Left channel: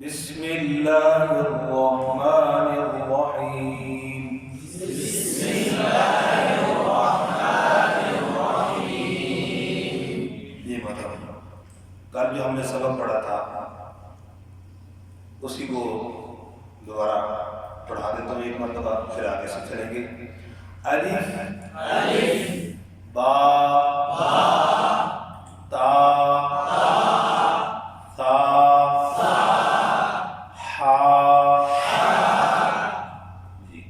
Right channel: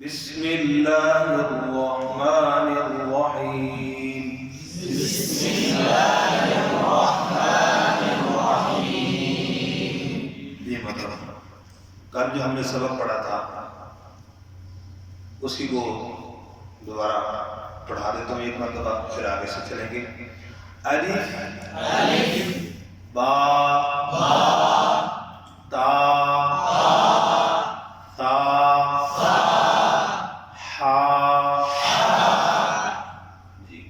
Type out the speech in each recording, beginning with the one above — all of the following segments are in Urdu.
بسم اللہ الرحمن الرحیم. بسم اللہ الرحمن الرحیم. یہ مطلب کل جو ہم نے سبق پڑھا تھا اسی کو دوبارہ پڑھا دیتا ہوں ایک مرتبہ، پھر آگے سے چلیں گے. الف الف با با تا ثا جی.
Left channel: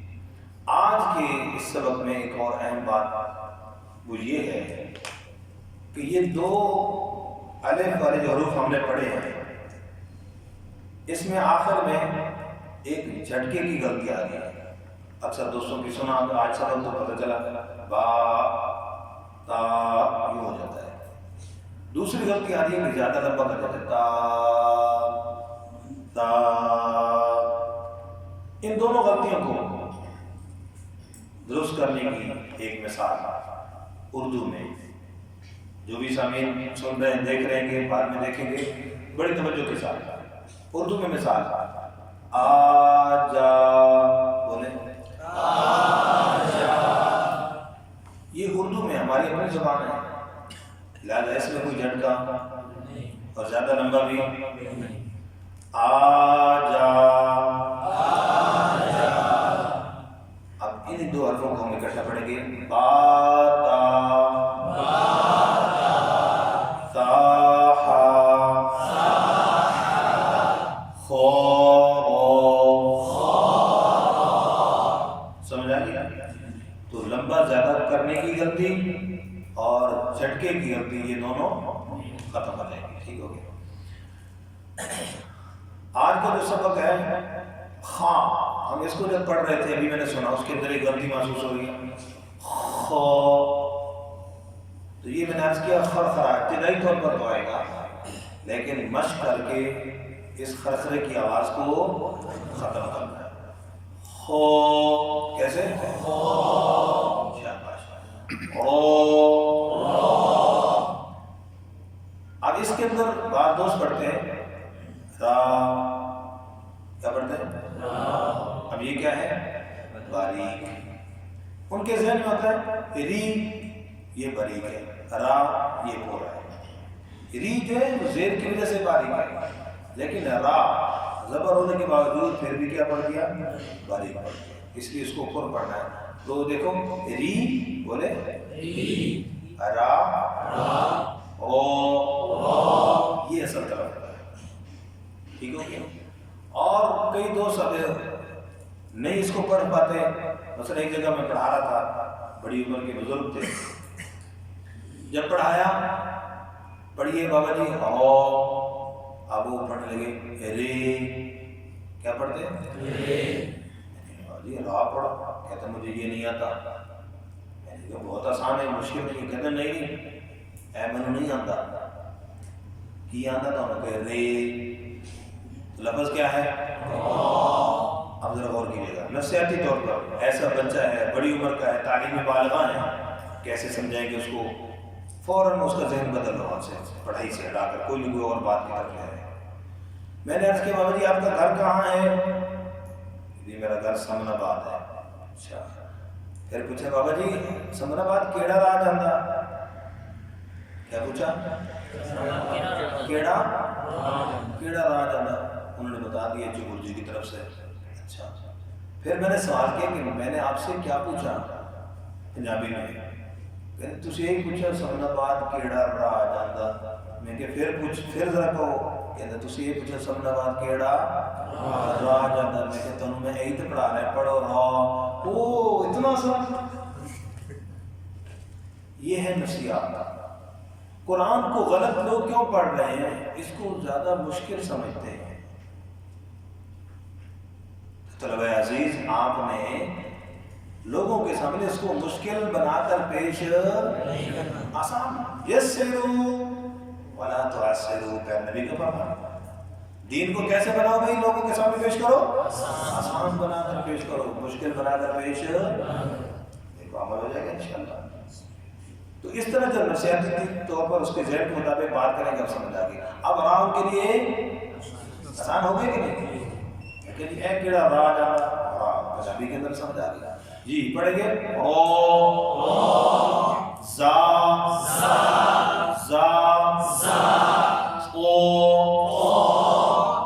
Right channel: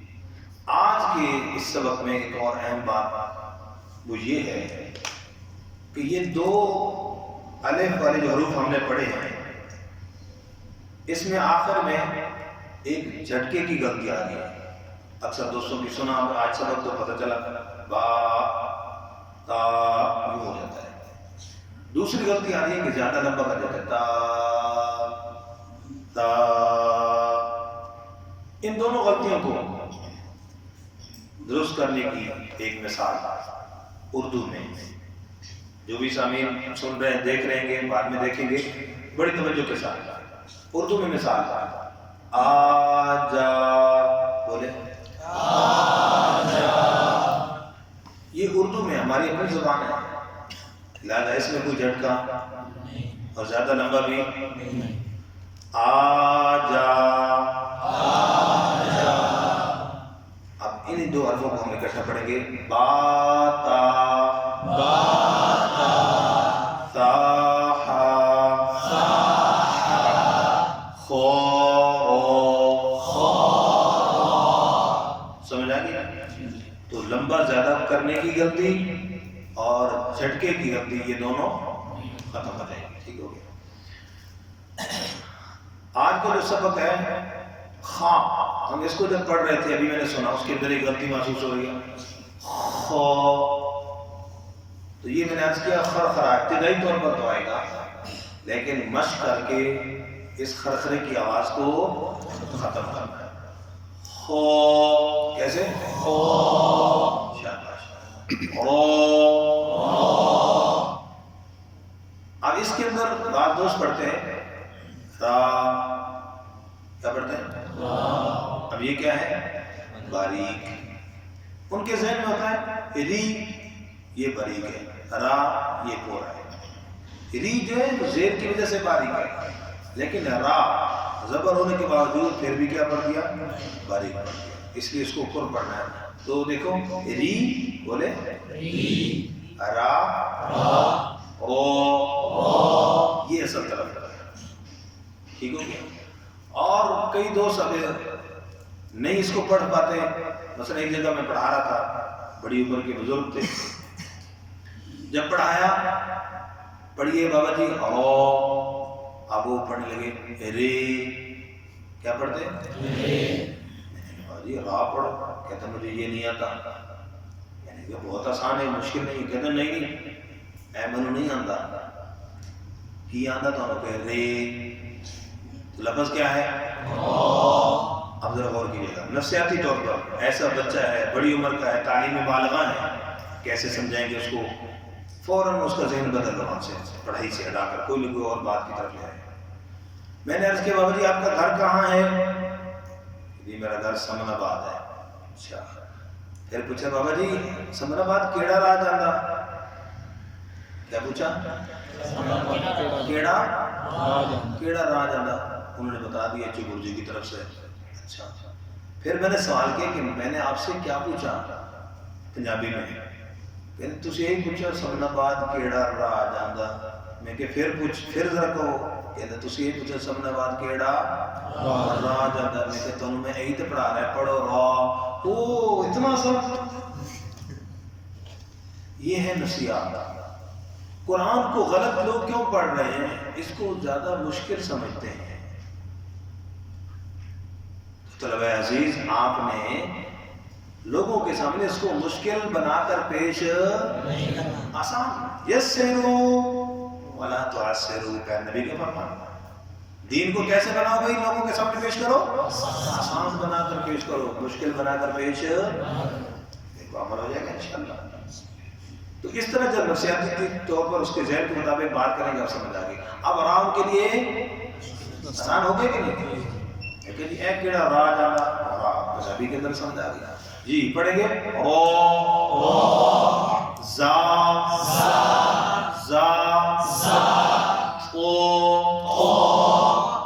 آج کے اس سبق میں ایک اور اہم بات وہ یہ ہے کہ یہ دو الف والے جو حروف ہم نے پڑھے ہیں اس میں آخر میں ایک جھٹکے کی غلطی آ گئی ہے. اکثر دوستوں کی سنا آج سبق تو پتہ چلا با تا یوں ہو جاتا ہے. دوسری غلطی آ رہی ہے کہ زیادہ لمبا کر دیتے تا تا. ان دونوں غلطیوں کو درست کرنے کی ایک مثال اردو میں، جو بھی سامعین سن رہے ہیں دیکھ رہے ہیں بعد میں دیکھیں گے بڑی توجہ کے ساتھ. اردو میں مثال آجا بولے آجا. یہ اردو میں ہماری اپنی زبان ہے، لہٰذا اس میں کوئی جھٹکا اور زیادہ لمبا بھی. آجا آجا. اب ان دو حرفوں کو ہم اکٹھا پڑھیں گے. باتا باتا ساحا صاحا خو. خا. سمجھ آ گیا؟ تو لمبا زیادہ کرنے کی غلطی اور جھٹکے کی غلطی یہ دونوں ختم ہو جائیں گے. ٹھیک ہو گیا. آج کا جو سبق ہے خاں، ہم اس کو جب پڑھ رہے تھے ابھی میں نے سنا اس کے اندر ایک غلطی محسوس ہو رہی ہے خو. تو یہ میں نے عرض کیا خرخرا ابتدائی طور پر تو آئے گا، لیکن مشق کر کے اس خرخرے کی آواز کو ختم کرنا ہے. خو کیسے؟ خو. شاباش. رو. اب اس کے اندر بعض دوست پڑھتے ہیں را. کیا پڑھتے ہیں؟ را. اب یہ کیا ہے؟ باریک. ان کے ذہن میں ہوتا ہے ری یہ باریک ہے، را یہ پورا ہے. ری جو ہے زیر کی وجہ سے باریک ہے، لیکن را زبر ہونے کے باوجود پھر بھی کیا پڑھ دیا؟ باریک پڑھ دیا. اس لیے اس کو اوپر پڑھنا ہے. تو دیکھو ری بولے ری. را را. او. او. یہ اصل طرف ہے. ٹھیک ہو گیا. اور کئی دوست اب نہیں اس کو پڑھ پاتے. مثلا ایک جگہ میں پڑھا رہا تھا، بڑی عمر کے بزرگ تھے. جب پڑھایا پڑھیے بابا جی او، اب وہ پڑھنے لگے رے. کیا پڑھتے؟ رے. جی را پڑھو. کہتے مجھے یہ نہیں آتا. یعنی کہ بہت آسان ہے، مشکل نہیں. کہتے نہیں اے میں نہیں آتا. کی آتا تو ہم کہہ رے. لفظ کیا ہے؟ اب ذرا غور کیجیے گا. نفسیاتی طور پر ایسا بچہ ہے بڑی عمر کا ہے، تعلیم بالغاہ ہے، کیسے سمجھائیں گے اس کو؟ فوراً اس کا ذہن بدل رہا سے پڑھائی سے ہٹا کر کوئی نہ کوئی اور بات کی طرف جائے. میں نے عرض کیا بابا جی آپ کا گھر کہاں ہے؟ جی میرا گھر سمن آباد ہے. اچھا. پھر پوچھا بابا جی سمن آباد کیڑا راہ جاندہ؟ کیا پوچھا؟ کیڑا راہ جاندہ. انہوں نے بتا دیا چبر جی کی طرف سے. اچھا. پھر میں نے سوال کیا کہ میں نے آپ سے کیا پوچھا پنجابی میں؟ کہتے تُسی یہی پوچھا سمن آباد کیڑا راہ جاندہ. میں کہ پھر ذرا کہو. کہتے تُسی یہی پوچھا سمن آباد کیڑا راہ جاندہ. میں کہ تمہیں میں یہی تو پڑھا رہا ہے، پڑھو راہ. او اتنا سا. یہ ہے نصیحت. قرآن کو غلط لوگ کیوں پڑھ رہے ہیں؟ اس کو زیادہ مشکل سمجھتے ہیں. طلبہ عزیز آپ نے لوگوں کے سامنے اس کو مشکل بنا کر پیش نہیں کرنا. آسان. یسروا ولا تعسروا کا نبی کا فرمان. دین کو کیسے بناؤ بھائی؟ لوگوں کے سامنے پیش کرو آسان بنا کر پیش کرو، مشکل بنا کر پیش دیکھو عمل ہو جائے گا انشاءاللہ. تو اس طرح جب نفسیاتی طور پر اس کے ذہن کے مطابق بات کریں گے اب سمجھ آ گئی. اب آرام کے لیے آسان ہو گیا کہ نہیں؟ لیکن ایک کیڑا را جانا را پنجابی کے اندر سمجھ آ گیا جی. پڑھیں گے او زا زا او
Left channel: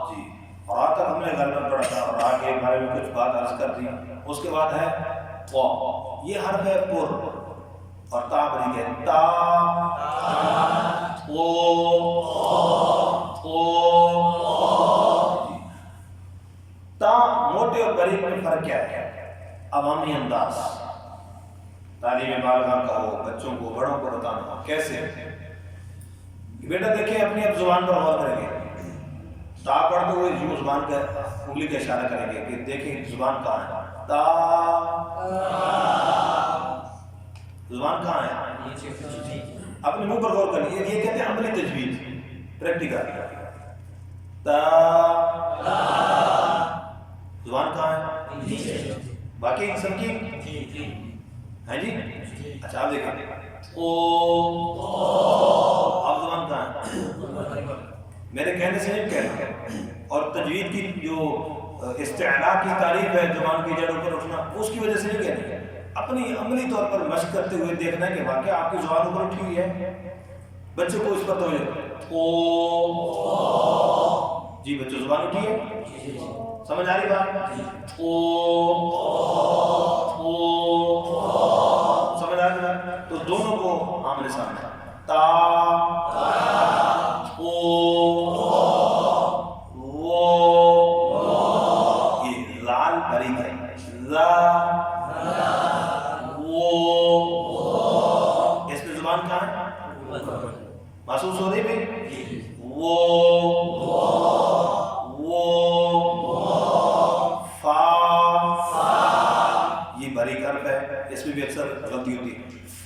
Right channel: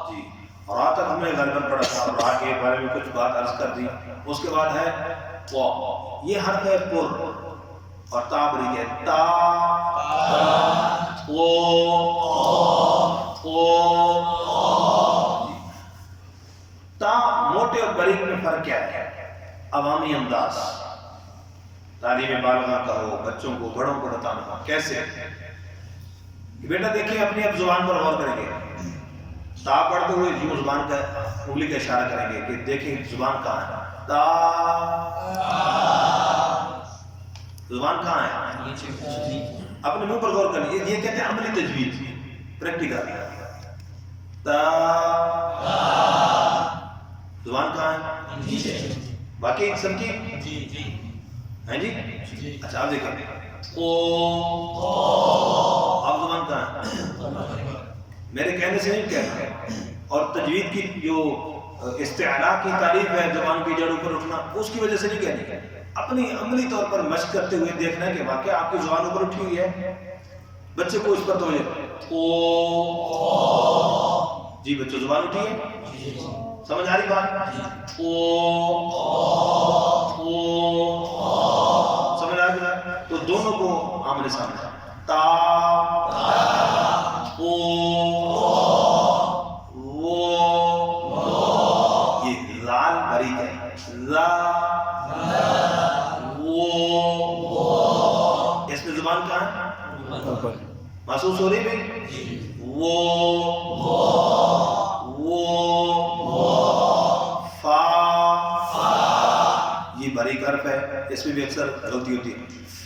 جی. را تک ہم نے غالباً پڑھا تھا. را کے بارے میں کچھ بات عرض کر دی. اس کے بعد ہے وا. یہ حرف ہے پر اور تا بری ہے تا او جی. تا موٹے اور باریک میں فرق کیا ہے؟ عوامی انداز. تعلیم بالغہ کا ہو، بچوں کو بڑوں کو بتانا ہو کیسے کہ بیٹا دیکھیں اپنی اب زبان پر غور کریں گے. تا پڑھتے ہوئے یوں زبان کا انگلی کا اشارہ کریں گے کہ دیکھیں زبان کہاں ہے. تا زبان کہاں ہے؟ اپنے منہ پر غور کریں. یہ کہتے ہیں عملی تجوید، پریکٹیکل. تا زبان کہاں ہے؟ باقی سمجھی ہیں جی؟ اچھا آپ دیکھیں او آپ زبان کہاں ہے؟ میرے کہنے سے نہیں کہنا. اور تجوید کی جو استعلاء کی تعریف ہے زبان کی جڑوں پر اٹھنا، اس کی وجہ سے نہیں کہنی. اپنی عملی طور پر مشق کرتے ہوئے دیکھنا ہے کہ واقعہ آپ کی زبان اوپر اٹھی ہوئی ہے. بچے کو اس پر توجہ او جی. بچوں زبان اٹھی ہے؟ سمجھ آ رہی بات؟ او سمجھ آ رہی؟ تو دونوں کو آمنے سامنے. تا او وہ یہ لال باریک ہے. لا وہ اس میں زبان کہاں ہے؟ محسوس ہو رہی ہے؟ وہ فا یہ باریک حرف ہے. اس میں بھی اکثر غلطی ہوتی ہے. ف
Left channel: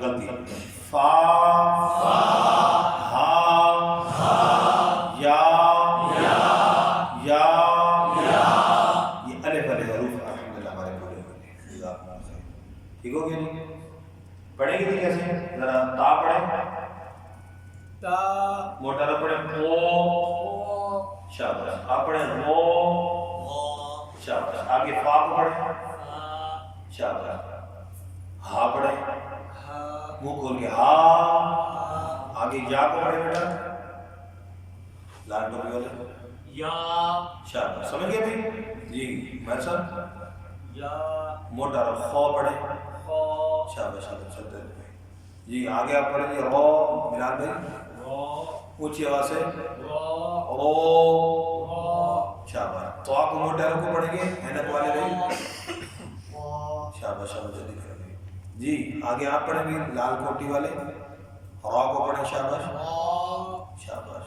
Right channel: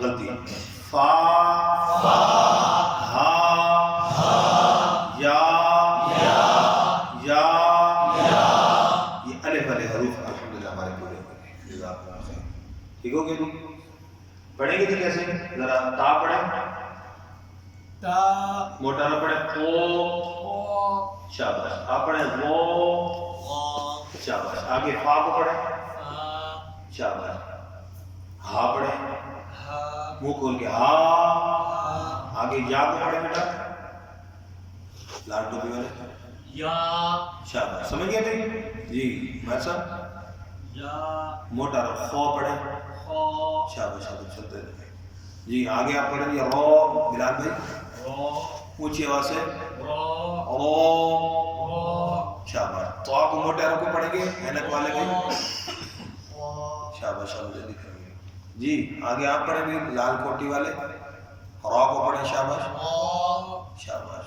غلطی. فا ہا یا یہ الف والے حروف الحمدللہ ہمارے پورے ہو گئے. ٹھیک ہو گیا جی؟ پڑھیں گے جی کیسے؟ ذرا تا پڑھیں. تا موٹا نہ پڑھیں. او شاباش. آپ پڑھیں وہ شاباش. آگے فا کو پڑھیں. شاباش. ہا پڑھیں. منہ کھول کے ہا. آگے یا کو پڑھیں بیٹا. لال ٹوپی والے یا شاباش. سمجھ گئے بھائی جی؟ میں صاحب یا موٹا رو خو پڑھیں. خو شاباش شاباش. چلتے رہے جی. آگے آپ پڑھیں گے رو. بلال بھائی رو اونچی آواز سے رو رو. رو شاباش. تو آپ موٹے رو کو پڑھیں گے اینک والے بھائی. شاباش شاباش. جلدی کریں گے جی. آگے آپ پڑھیں گے لال کوٹی والے. را کو پڑھیں. شاباش شاباش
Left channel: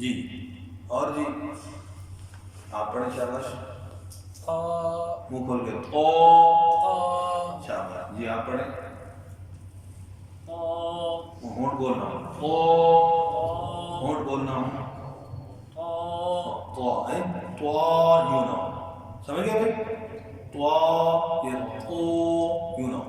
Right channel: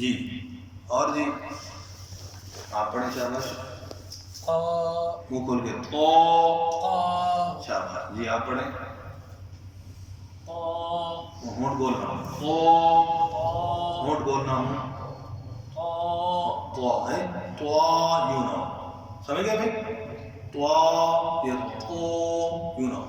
جی. اور جی آپ پڑھیں. شاباش. منہ کھول کے تو. شاباش جی. آپ پڑھیں. ہونٹ بولنا ہوں. ہونٹ بولنا ہوں. تو ہے تو یوں نہ ہو. سمجھ گئے بھائی؟ تو یہ تو یوں نہ ہو.